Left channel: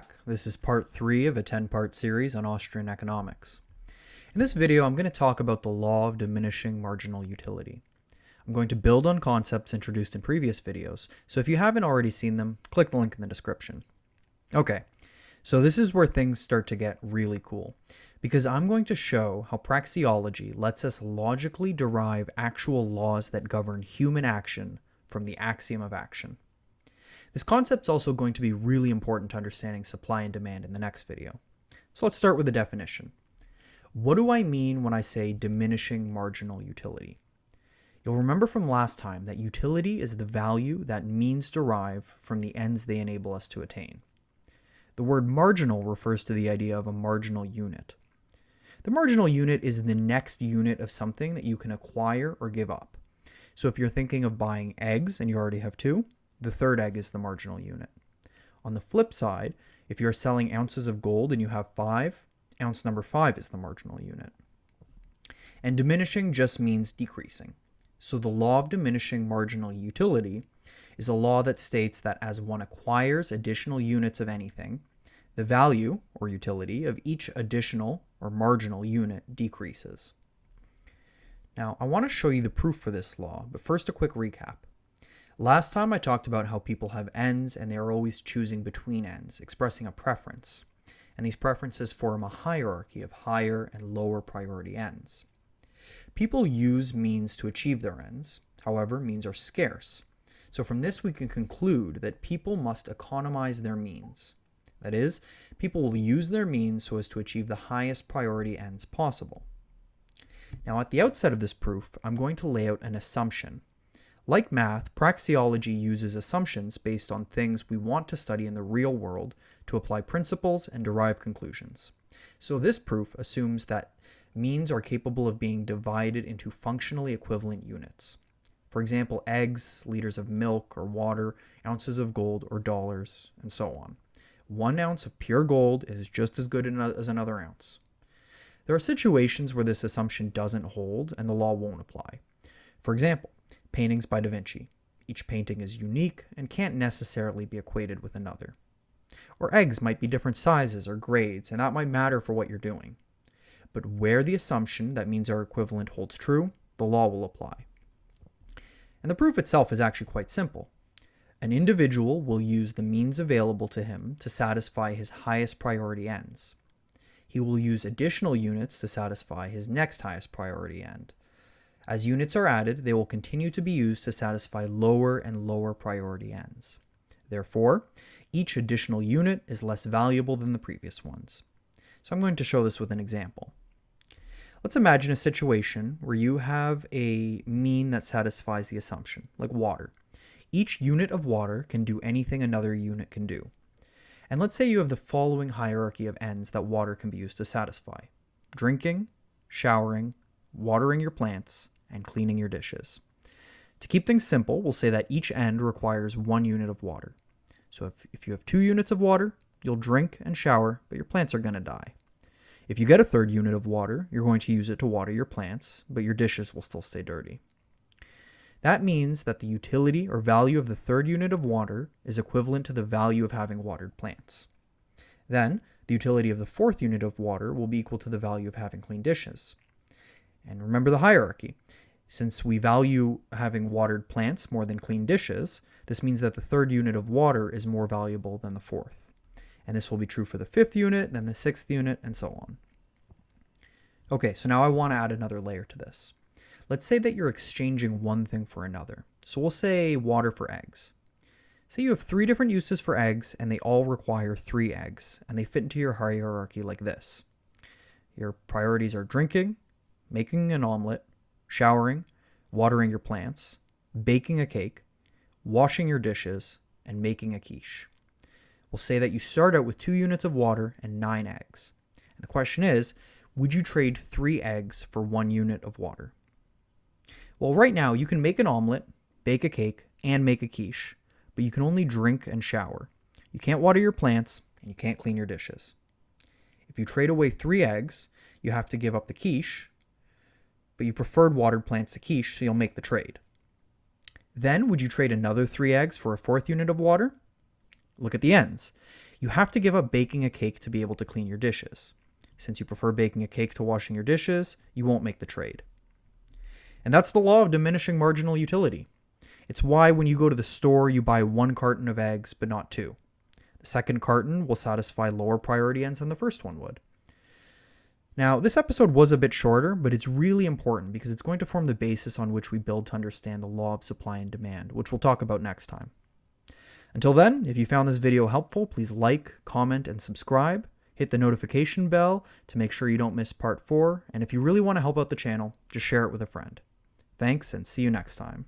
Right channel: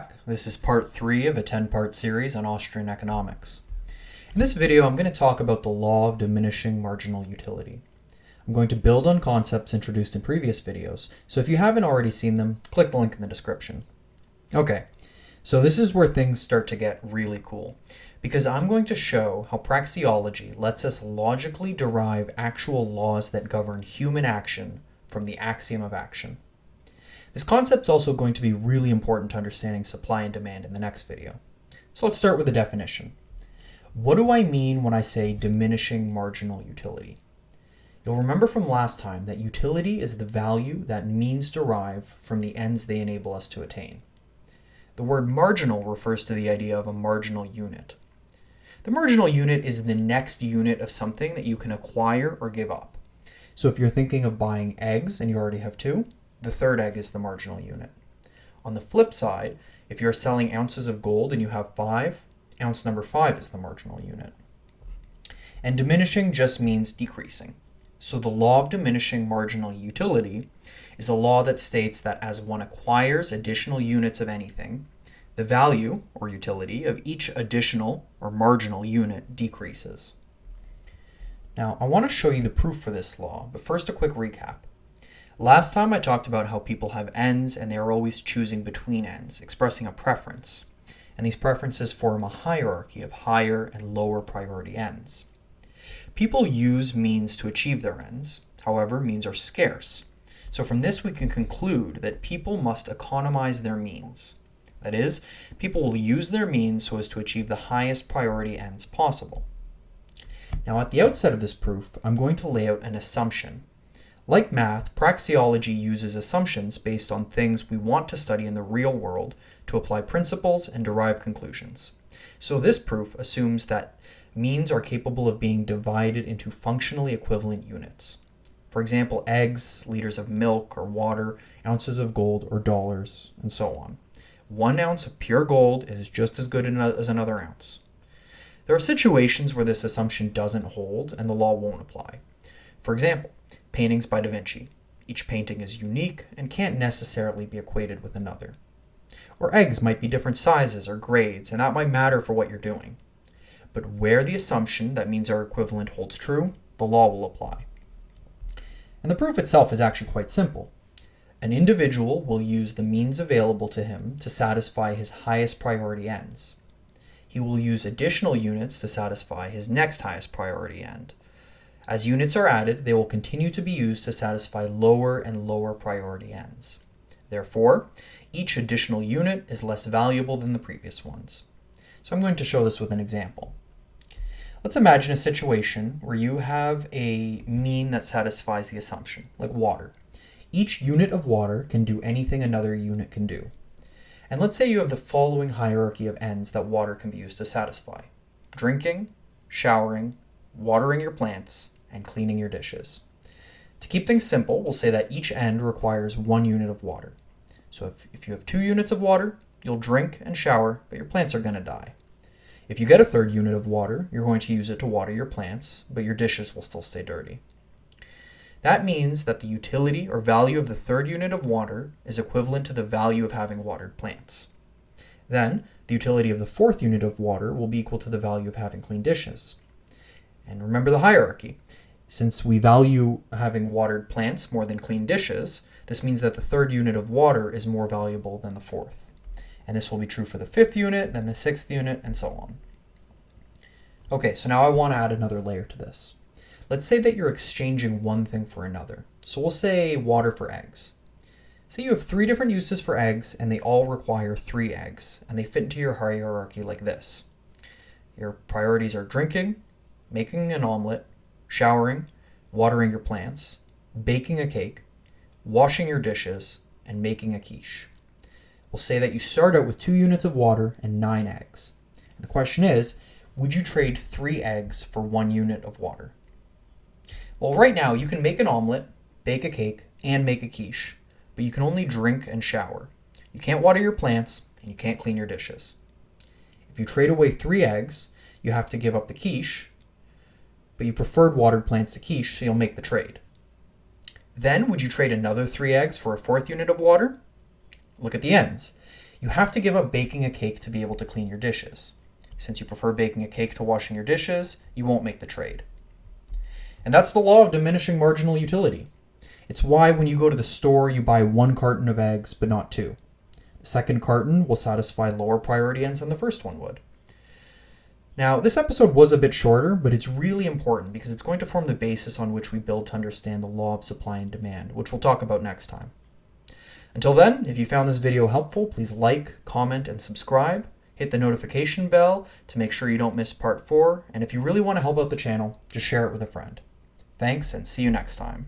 back. This is part 3 of a 10-part series on Austrian economics. In this video, I'm going to talk about the law of diminishing marginal utility. I'm going to build on concepts introduced in previous videos, so if you haven't already seen them, click the link in the description. Okay, so this is where things start to get really cool, because I'm going to show how praxeology lets us logically derive actual laws that govern human action from the axiom of action. This concept is also going to be really important to understanding supply and demand in the next video. So let's start with the definition. What do I mean when I say diminishing marginal utility? You'll remember from last time that utility is the value that means derive from the ends they enable us to attain. The word marginal refers to the idea of a marginal unit. The marginal unit is the next unit of something that you can acquire or give up. So if you're thinking of buying eggs and you already have 2, the third egg is the marginal unit. On the flip side, if you're selling ounces of gold and you have 5, ounce number 5 is the marginal unit. And diminishing just means decreasing. So the law of diminishing marginal utility is a law that states that as one acquires additional units of anything, the value, or utility, of each additional or marginal unit decreases. Now, I want to show you the proof for this law, but first a quick recap. Last time I talked about how people have ends and they are always choosing between ends, expressing a preference. And these preferences form a hierarchy of higher and lower priority ends. People use means to achieve their ends. However, means are scarce. So from this we can conclude that people must economize their means. That is, people will use their means so as to achieve the highest priority ends possible. Now at the outset of this proof, I'm going to lay out an assumption. Like math, praxeology uses assumptions based on things we want to study in the real world to apply principles and derive conclusions. So this proof assumes that means are capable of being divided into functionally equivalent units. For example, eggs, liters of milk or water, ounces of gold or dollars, and so on. 1 ounce of pure gold is just as good as another ounce. There are situations where this assumption doesn't hold and the law won't apply. For example, paintings by Da Vinci. Each painting is unique and can't necessarily be equated with another. Or eggs might be different sizes or grades, and that might matter for what you're doing. But where the assumption that means are equivalent holds true, the law will apply. And the proof itself is actually quite simple. An individual will use the means available to him to satisfy his highest priority ends. He will use additional units to satisfy his next highest priority end. As units are added, they will continue to be used to satisfy lower and lower priority ends. Therefore, each additional unit is less valuable than the previous ones. So I'm going to show this with an example. Let's imagine a situation where you have a mean that satisfies the assumption, like water. Each unit of water can do anything another unit can do. And let's say you have the following hierarchy of ends that water can be used to satisfy: drinking, showering, watering your plants, and cleaning your dishes. To keep things simple, we'll say that each end requires 1 unit of water. So if you have 2 units of water, you'll drink and shower, but your plants are going to die. If you get a 3rd unit of water, you're going to use it to water your plants, but your dishes will still stay dirty. That means that the utility or value of the 3rd unit of water is equivalent to the value of having watered plants. Then, the utility of the 4th unit of water will be equal to the value of having clean dishes. And remember the hierarchy. Since we value having watered plants more than clean dishes, this means that the 3rd unit of water is more valuable than the 4th. And this will be true for the 5th unit, then the 6th unit, and so on. Okay, so now I want to add another layer to this. Let's say that you're exchanging one thing for another. So we'll say water for eggs. Say you have 3 different uses for eggs, and they all require 3 eggs, and they fit into your hierarchy like this. Your priorities are drinking, making an omelet, showering, watering your plants, baking a cake, washing your dishes, and making a quiche. We'll say that you start out with 2 units of water and 9 eggs. And the question is, would you trade 3 eggs for 1 unit of water? Well, right now you can make an omelet, bake a cake, and make a quiche, but you can only drink and shower. You can't water your plants, and you can't clean your dishes. If you trade away 3 eggs, you have to give up the quiche, but you preferred watered plants to quiche, so you'll make the trade. Then, would you trade another 3 eggs for a 4th unit of water? Look at the ends. You have to give up baking a cake to be able to clean your dishes. Since you prefer baking a cake to washing your dishes, you won't make the trade. And that's the law of diminishing marginal utility. It's why when you go to the store, you buy 1 carton of eggs, but not 2. The second carton will satisfy lower priority ends than the first one would. Now, this episode was a bit shorter, but it's really important because it's going to form the basis on which we build to understand the law of supply and demand, which we'll talk about next time. Until then, if you found this video helpful, please like, comment, and subscribe. Hit the notification bell to make sure you don't miss part 4, and if you really want to help out the channel, just share it with a friend. Thanks, and see you next time.